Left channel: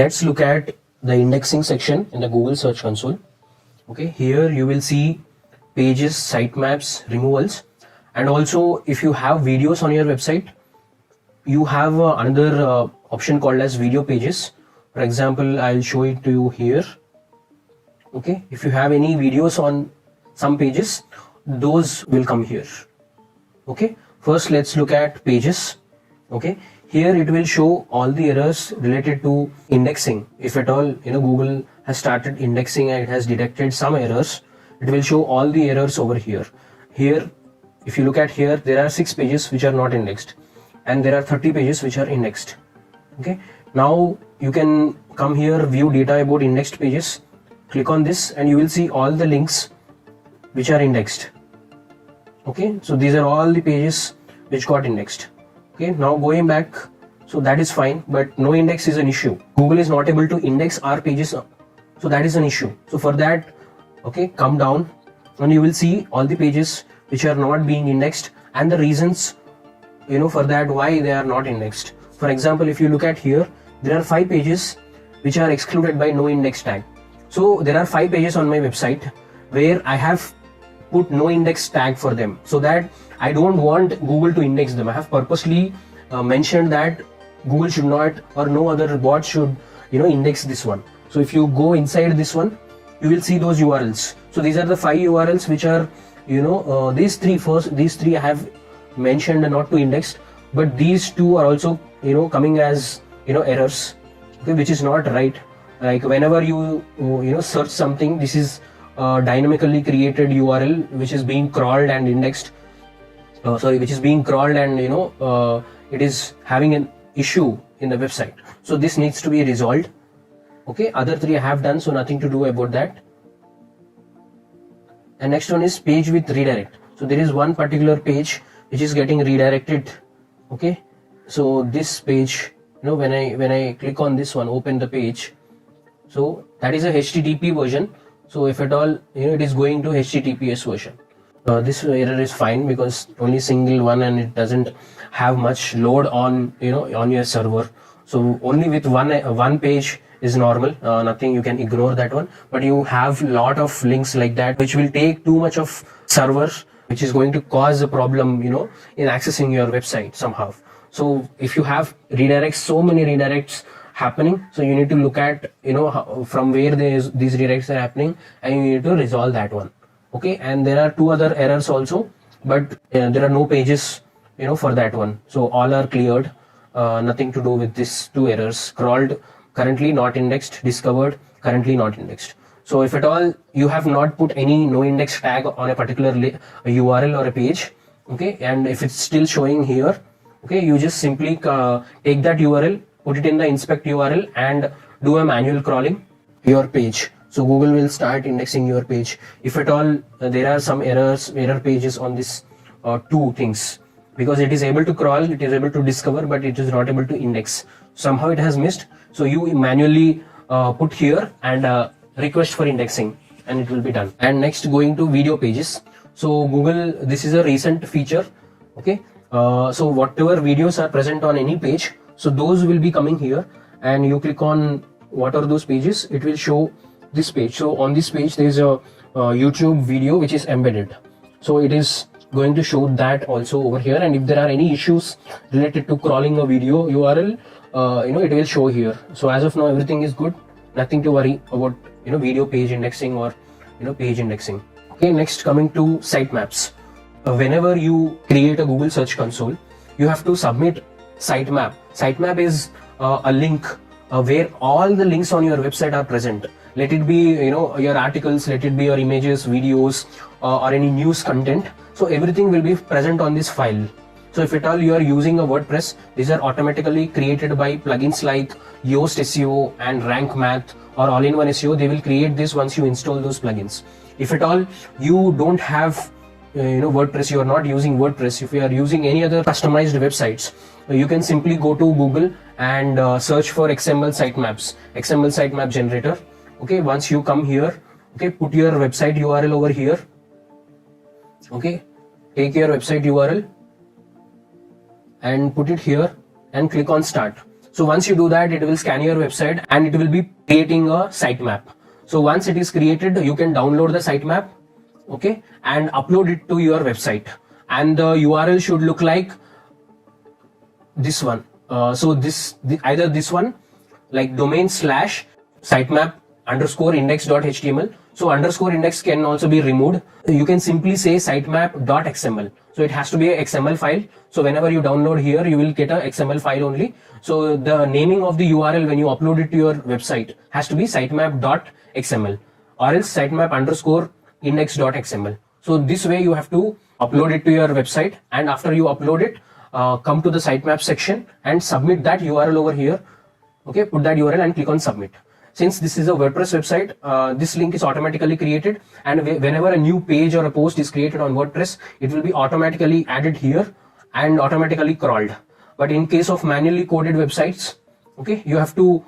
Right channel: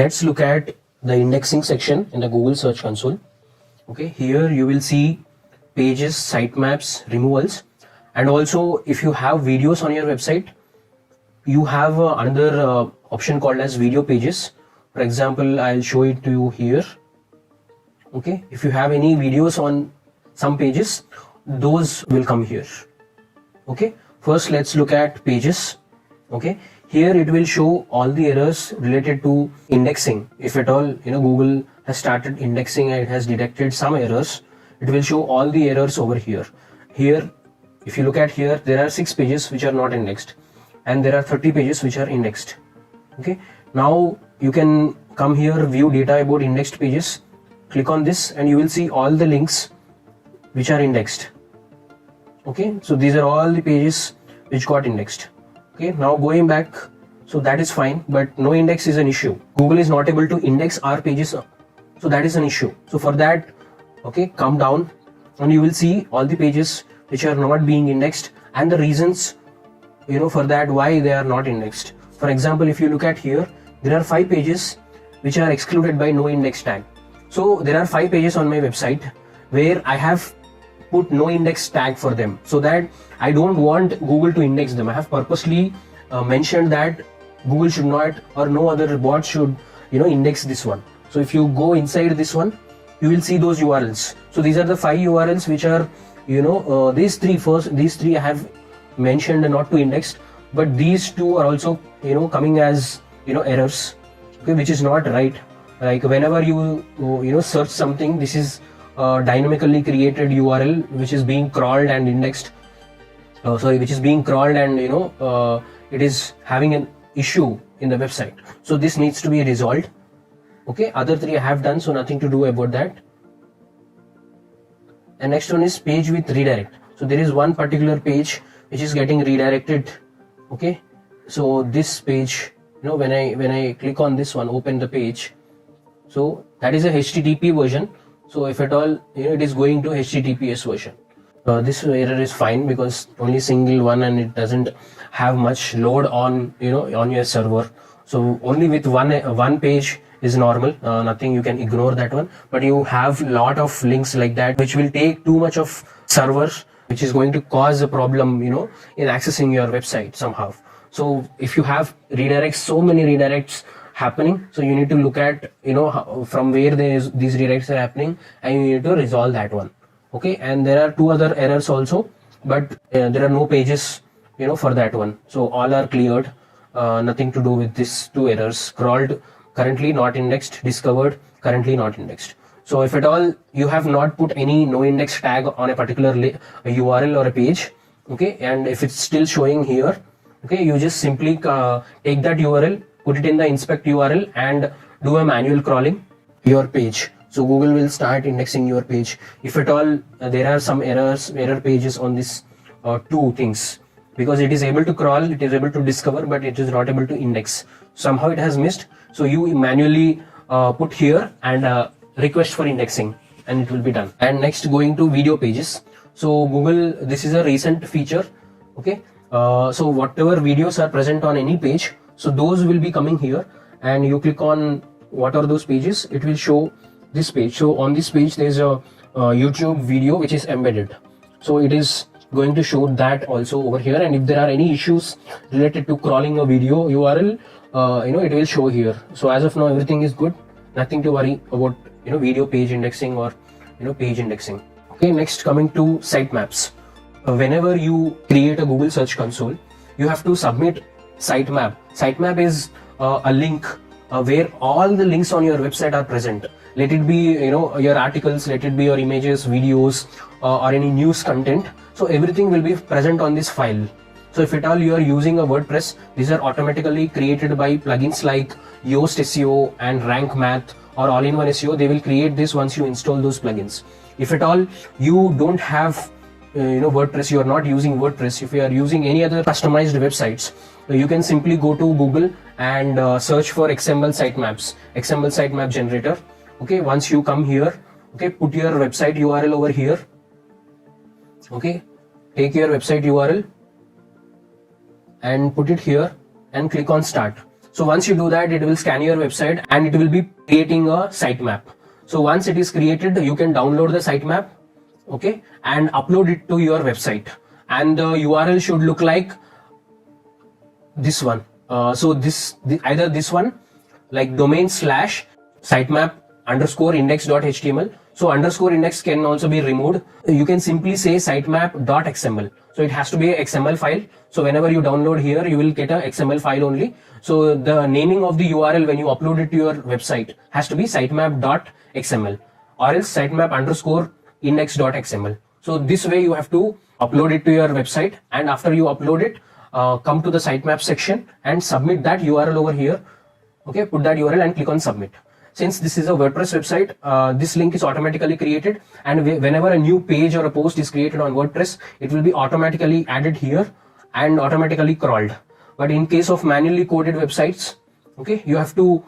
Let's look at the indexing section in the Google Search Console. Okay, here you will see pages, sitemaps, removals, and also if you have videos on your website, you have another option called as video pages. For example, I'll show it to you here. Okay, if you have any videos on some pages, those will come here. Okay, first let's look at pages. Okay, here it will show all the errors related to indexing. If at all Google has started indexing and it has detected some errors, it will show all the errors over here. Here, if you look at here, there are 6 pages which are not indexed, and there are 30 pages which are indexed. Okay, now you can come here, view data about indexed pages, click on this, and you will see all the links which are indexed. Okay, so these are all the pages which got indexed. Okay, now going back, so that is fine, but no index is an issue. Google is not able to index our pages, so that is an issue. So for that, okay, come down and you will see all the pages which are not being indexed and the reasons for that, why they are not indexed. For example, if you look at here, there are 5 pages which are excluded by no index tag. So there are 5 pages on my website where I have put no index tag for them, so that I don't want Google to index them. I have purposely mentioned that Google should not, or no other bot should index this one. So if you go inside this one, you will see those URLs. So these are the 5 URLs which are these three I have mentioned not to index, but these 2 are also coming as errors, okay, which is not right. Like whenever you search something, this is dynamically created URL which is being crawled and indexed, which is being crawled, and it is having an issue in the website. So this needs to be resolved. Okay, other 3 I have done, so nothing to do about that. And next one is page with redirect. So there is one particular page which is getting redirected. Okay, so this page, when I click on this one, open the page, so that is a HTTP version. So if at all it is going to HTTPS version, this error is fine because only single one and it doesn't have much load on on your server. So only with one page is normal, nothing, you can ignore that one. But you have lot of links like that which will take too much of server, which is going to cause a problem in accessing your website somehow. So if you have redirects, so many redirects happening, so you need to look at from where these redirects are happening, and you need to resolve that one. Okay, and there are 2 other errors also, but there are no pages for that one, so all are cleared. Nothing to do with these 2 errors: crawled, currently not indexed; discovered, currently not indexed. So if at all you have not put any no index tag on a particular URL or a page, okay, and if it's still showing here, okay, you just simply take that URL, put it in the inspect URL, and do a manual crawling your page. So Google will start indexing your page. If at all there are some error pages on this 2 things, because it is able to crawl, it is able to discover, but it is not able to index. Somehow it has missed. So you manually put here and request for indexing, and it will be done. And next, going to video pages. So Google, this is a recent feature. Okay, so whatever videos are present on any page, so those will be coming here, and you click on what are those pages, it will show this page. So on this page there is a YouTube video which is embedded, so it is going to show that also over here. And if there are any issues related to crawling a video URL, it will show here. So as of now everything is good, nothing to worry about video page indexing or page indexing. Okay, next, coming to sitemaps. Whenever you create a Google Search Console, you have to submit sitemap. Sitemap is a link where all the links on your website are present. Let it be your articles, let it be your images, videos, or any news content. So everything will be present on this file. So if at all you are using a WordPress, these are automatically created by plugins like Yoast SEO and Rank Math or All-in-One SEO. They will create this once you install those plugins. If at all you don't have WordPress, you are not using WordPress, if you are using any other customized websites, you can simply go to Google and search for XML sitemaps, XML sitemap generator. Okay, once you come here, okay, put your website URL over here. Okay, take your website URL and put it here and click on start. So once you do that, it will scan your website and it will be creating a sitemap. So once it is created, you can download the sitemap, okay, and upload it to your website. And the URL should look like this one. Either this one, like domain slash sitemap underscore index.html. So underscore index can also be removed. You can simply say sitemap.xml. So it has to be a XML file. So whenever you download here, you will get a XML file only. So the naming of the URL when you upload it to your website has to be sitemap.xml or else sitemap underscore index.xml. So this way you have to upload it to your website, and after you upload it, come to the sitemap section and submit that URL over here. Okay, put that URL and click on submit. Since this is a WordPress website, this link is automatically created, and whenever a new page or a post is created on WordPress, it will be automatically added here and automatically crawled. But in case of manually coded websites, okay, you have to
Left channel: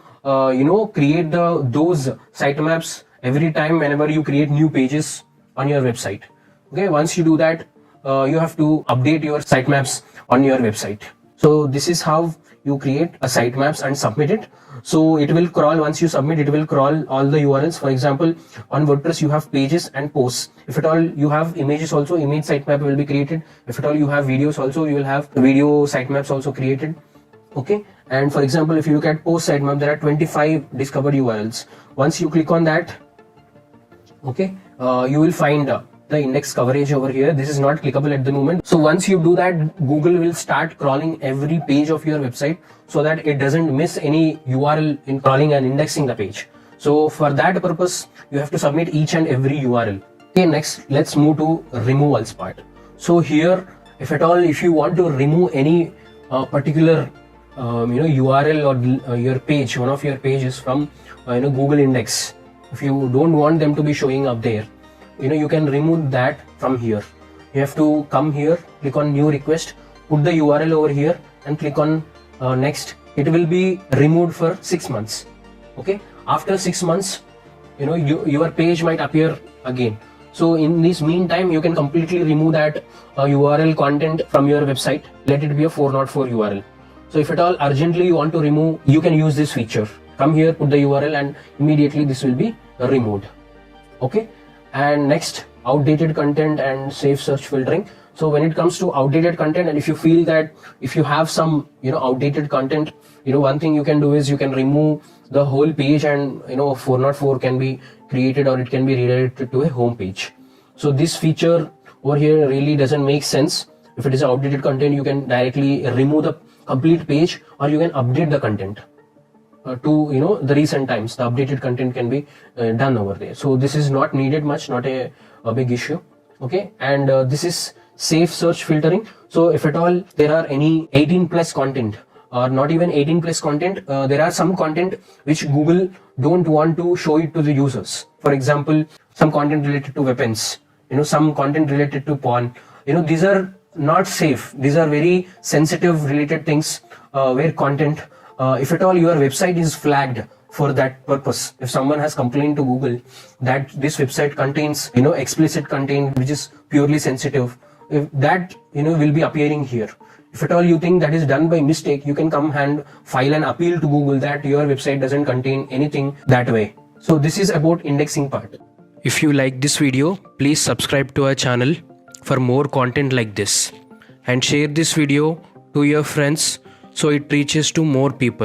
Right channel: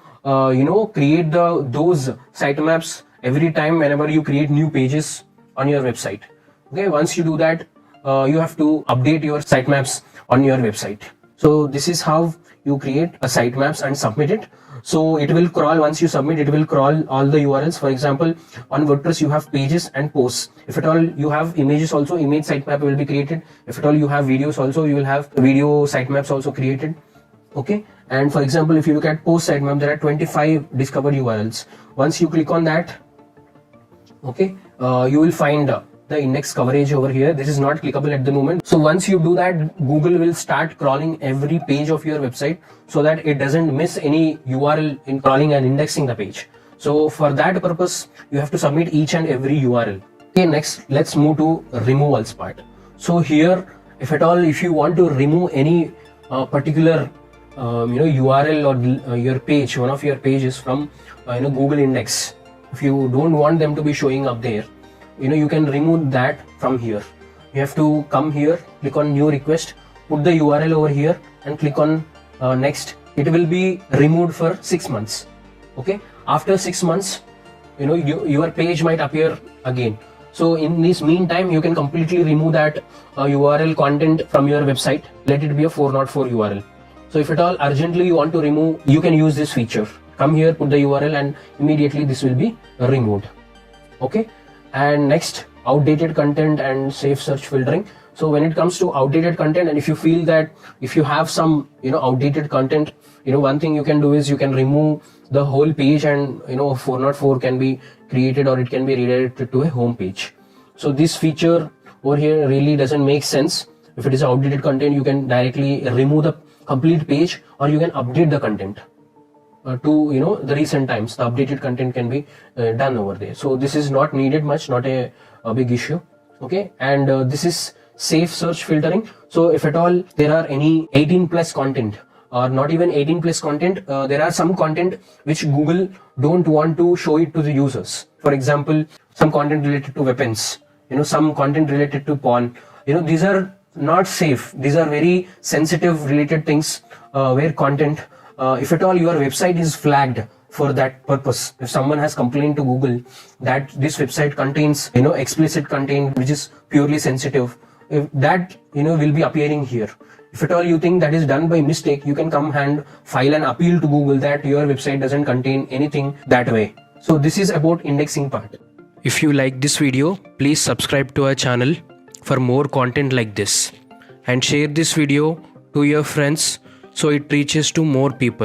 create those sitemaps every time whenever you create new pages on your website. Okay, once you do that, you have to update your sitemaps on your website. So this is how you create a sitemaps and submit it. So it will crawl, once you submit, it will crawl all the URLs. For example, on WordPress you have pages and posts. If at all you have images also, image sitemap will be created. If at all you have videos also, you will have video sitemaps also created. Okay, and for example, if you look at post sitemap, there are 25 discovered URLs. Once you click on that, okay, you will find the index coverage over here. This is not clickable at the moment. So once you do that, Google will start crawling every page of your website so that it doesn't miss any URL in crawling and indexing the page. So for that purpose, you have to submit each and every URL. Okay, next let's move to removals part. So here, if at all, if you want to remove any particular URL or your page, one of your pages from Google index, if you don't want them to be showing up there, you can remove that from here. You have to come here, click on new request, put the URL over here and click on next. It will be removed for 6 months. Okay, after 6 months, your page might appear again. So in this meantime, you can completely remove that URL content from your website. Let it be a 404 URL. So if at all urgently you want to remove, you can use this feature. Come here, put the URL, and immediately this will be removed. Okay. And next, outdated content and safe search filtering. So when it comes to outdated content, and if you feel that if you have some outdated content, one thing you can do is you can remove the whole page, and 404 can be created or it can be redirected to a home page. So this feature over here really doesn't make sense. If it is outdated content, you can directly remove the complete page, or you can update the content to the recent times. The updated content can be done over there. So this is not needed much, not a big issue. Okay, and this is safe search filtering. So if at all there are any 18 plus content or not even 18 plus content, there are some content which Google don't want to show it to the users. For example, some content related to weapons, some content related to porn. These are not safe. These are very sensitive related things where content, if at all your website is flagged for that purpose, if someone has complained to Google that this website contains explicit content which is purely sensitive, if that will be appearing here. If at all you think that is done by mistake, you can come and file an appeal to Google that your website doesn't contain anything that way. So this is about indexing part. If you like this video, please subscribe to our channel for more content like this, and share this video to your friends so it reaches to more people.